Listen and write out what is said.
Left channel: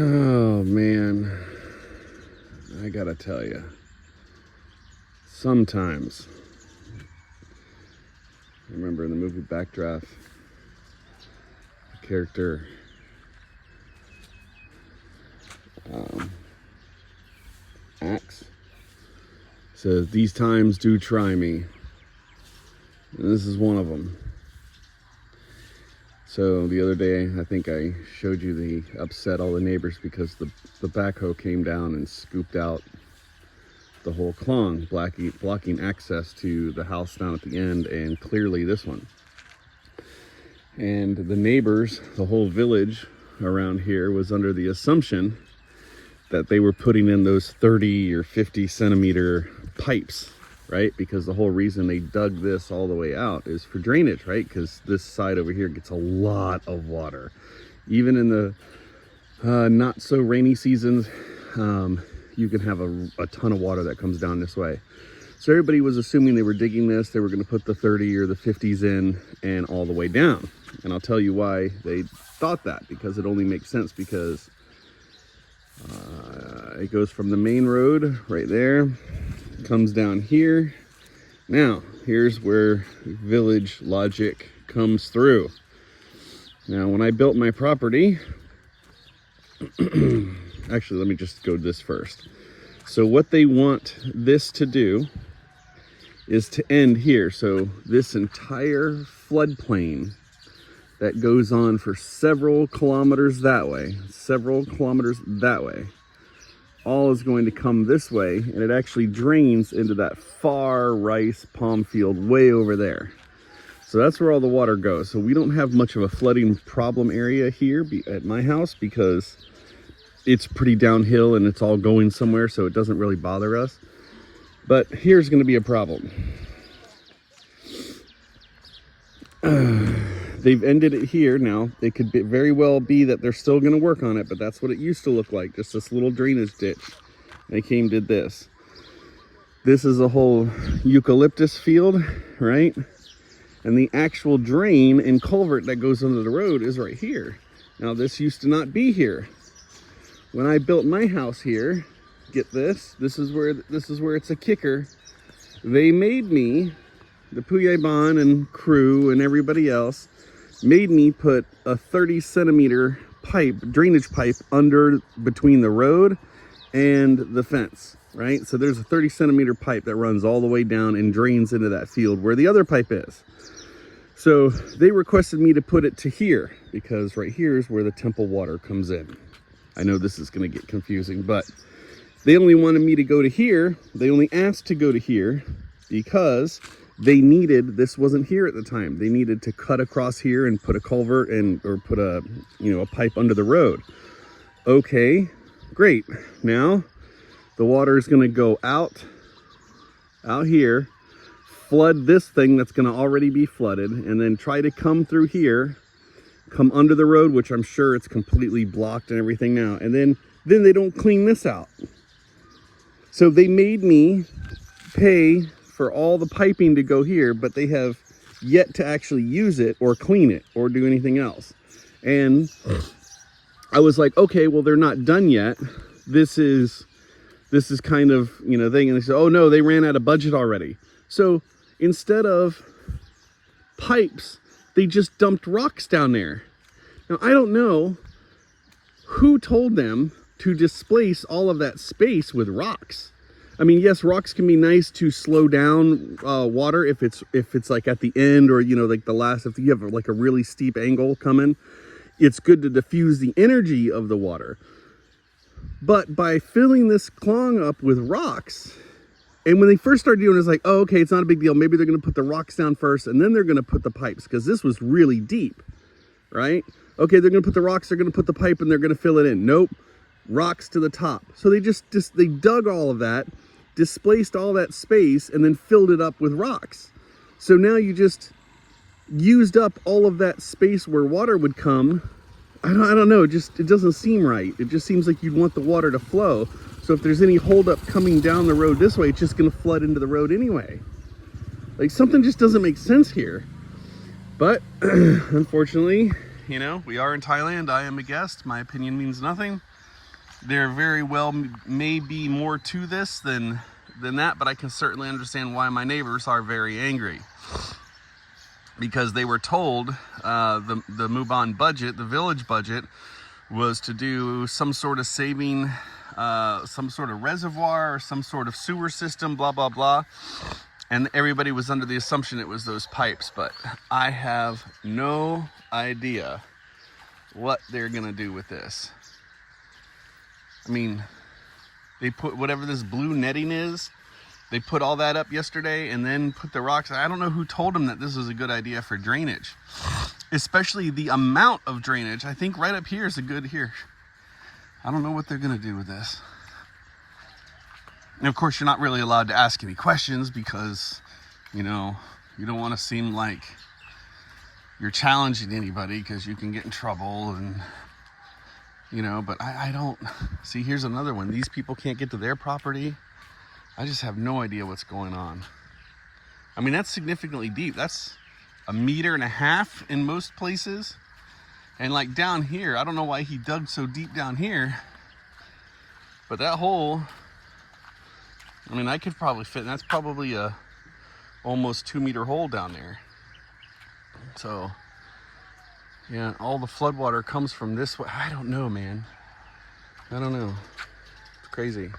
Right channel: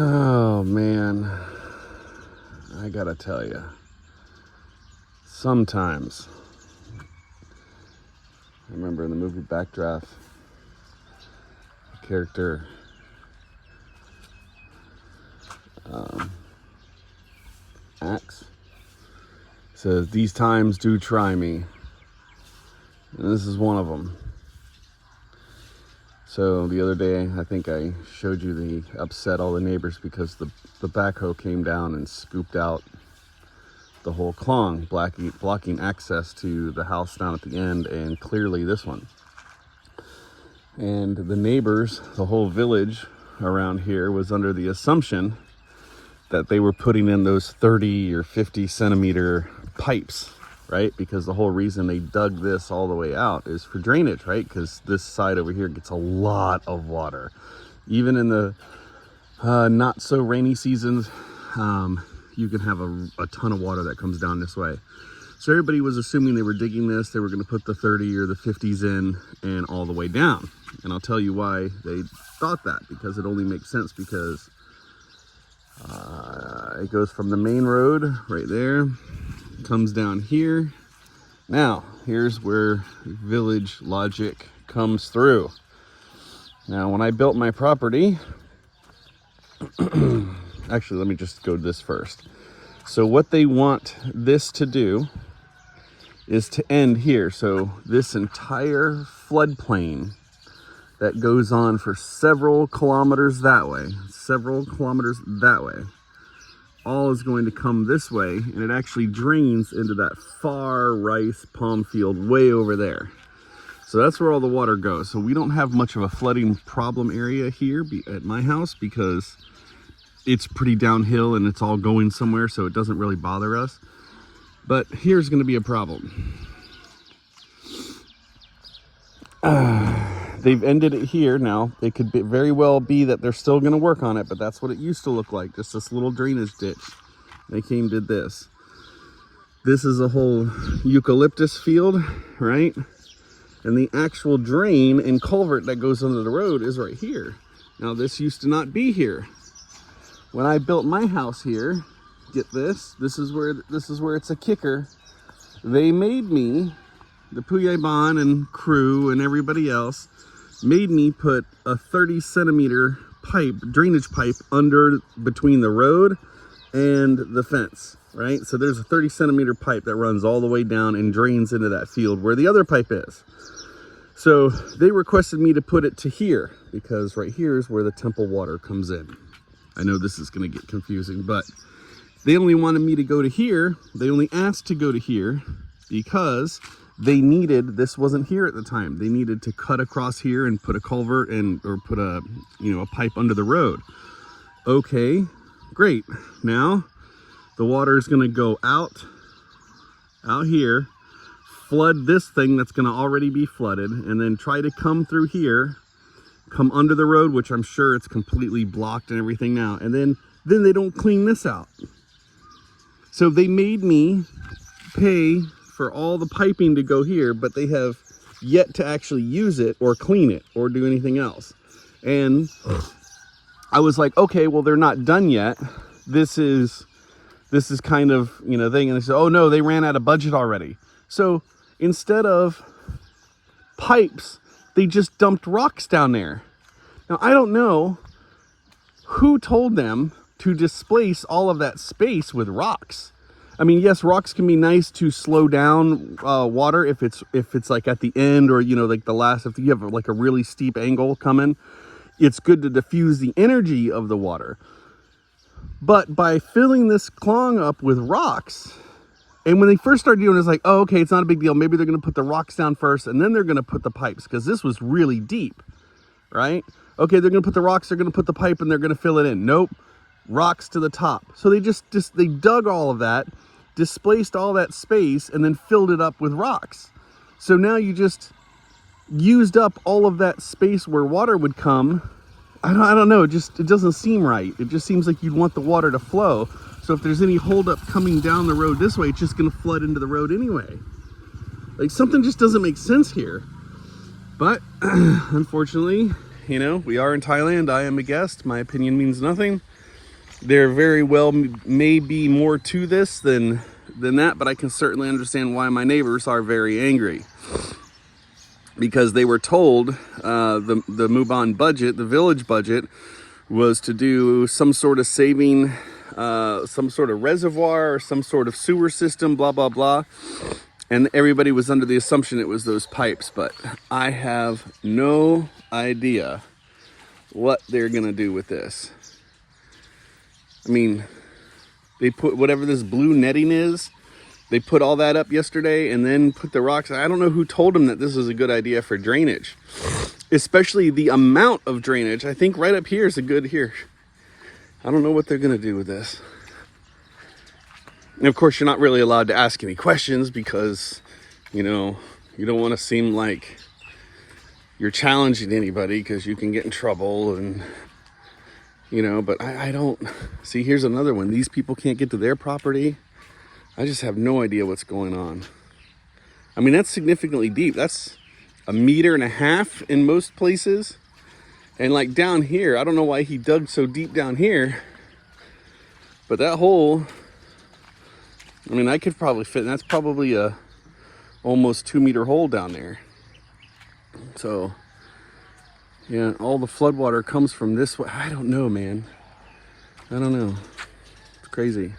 Oh man, I gotta tell you, sometimes, I remember in the movie Backdraft, the character Axe says, "These times do try me," and this is one of them. So the other day, I think I showed you the upset all the neighbors because the backhoe came down and scooped out the whole clong, blocking access to the house down at the end, and clearly this one. And the neighbors, the whole village around here, was under the assumption that they were putting in those 30 or 50 centimeter pipes, right? Because the whole reason they dug this all the way out is for drainage, right? Because this side over here gets a lot of water. Even in the not so rainy seasons, you can have a ton of water that comes down this way. So everybody was assuming they were digging this, they were going to put the 30 or the 50s in and all the way down. And I'll tell you why they thought that, because it only makes sense because it goes from the main road right there, comes down here. Now, here's where village logic comes through. Now, when I built my property, actually, let me just go to this first. So what they want this to do is to end here. So this entire floodplain that goes on for several kilometers that way, all is going to come this way, and it actually drains into that far rice palm field way over there. So that's where all the water goes. So we don't have much of a flooding problem area here at my house because it's pretty downhill and it's all going somewhere, so it doesn't really bother us. But here's going to be a problem. They've ended it here. Now, it could very well be that they're still going to work on it, but that's what it used to look like, just this little drainage ditch. They did this. This is a whole eucalyptus field, right? And the actual drain and culvert that goes under the road is right here. Now, this used to not be here. When I built my house here, get this, this is where it's a kicker. They made me, the Puyeban and crew and everybody else, made me put a 30 centimeter pipe, drainage pipe, under between the road and the fence, right? So there's a 30 centimeter pipe that runs all the way down and drains into that field where the other pipe is. So they requested me to put it to here because right here is where the temple water comes in. I know this is going to get confusing, but they only wanted me to go to here. They only asked to go to here because they needed, this wasn't here at the time, they needed to cut across here and put a culvert or put a pipe under the road. Okay, great. Now the water is going to go out here, flood this thing that's going to already be flooded, and then try to come through here, come under the road, which I'm sure it's completely blocked and everything now, and then they don't clean this out. So they made me pay for all the piping to go here, but they have yet to actually use it or clean it or do anything else. And I was like, okay, well, they're not done yet. This is kind of, thing. And they said, oh no, they ran out of budget already. So instead of pipes, they just dumped rocks down there. Now, I don't know who told them to displace all of that space with rocks. I mean, yes, rocks can be nice to slow down water if it's like at the end, or like the last, if you have like a really steep angle coming, it's good to diffuse the energy of the water. But by filling this clong up with rocks, and when they first started doing it, it's like, oh, okay, it's not a big deal. Maybe they're going to put the rocks down first, and then they're going to put the pipes, because this was really deep, right? Okay, they're going to put the rocks, they're going to put the pipe, and they're going to fill it in. Nope, rocks to the top. So they they dug all of that, displaced all that space, and then filled it up with rocks. So now you just used up all of that space where water would come. I don't know, it doesn't seem right. It just seems like you'd want the water to flow. So if there's any holdup coming down the road this way, it's just going to flood into the road anyway. Like, something just doesn't make sense here. But unfortunately, we are in Thailand. I am a guest. My opinion means nothing. There very well may be more to this than that, but I can certainly understand why my neighbors are very angry. Because they were told the Mubon budget, the village budget, was to do some sort of saving, some sort of reservoir or some sort of sewer system, blah, blah, blah. And everybody was under the assumption it was those pipes, but I have no idea what they're gonna do with this. I mean, they put whatever this blue netting is, they put all that up yesterday and then put the rocks. I don't know who told them that this was a good idea for drainage, especially the amount of drainage. I think right up here is a good here. I don't know what they're gonna do with this. And of course, you're not really allowed to ask any questions because, you know, you don't want to seem like you're challenging anybody because you can get in trouble and, you know, but I don't see. Here's another one. These people can't get to their property. I just have no idea what's going on. I mean, that's significantly deep. That's 1.5 meters in most places. And like down here, I don't know why he dug so deep down here, but that hole, I mean, I could probably fit, and that's probably a almost 2-meter hole down there. So yeah, all the floodwater comes from this way. I don't know, man. I don't know. It's crazy.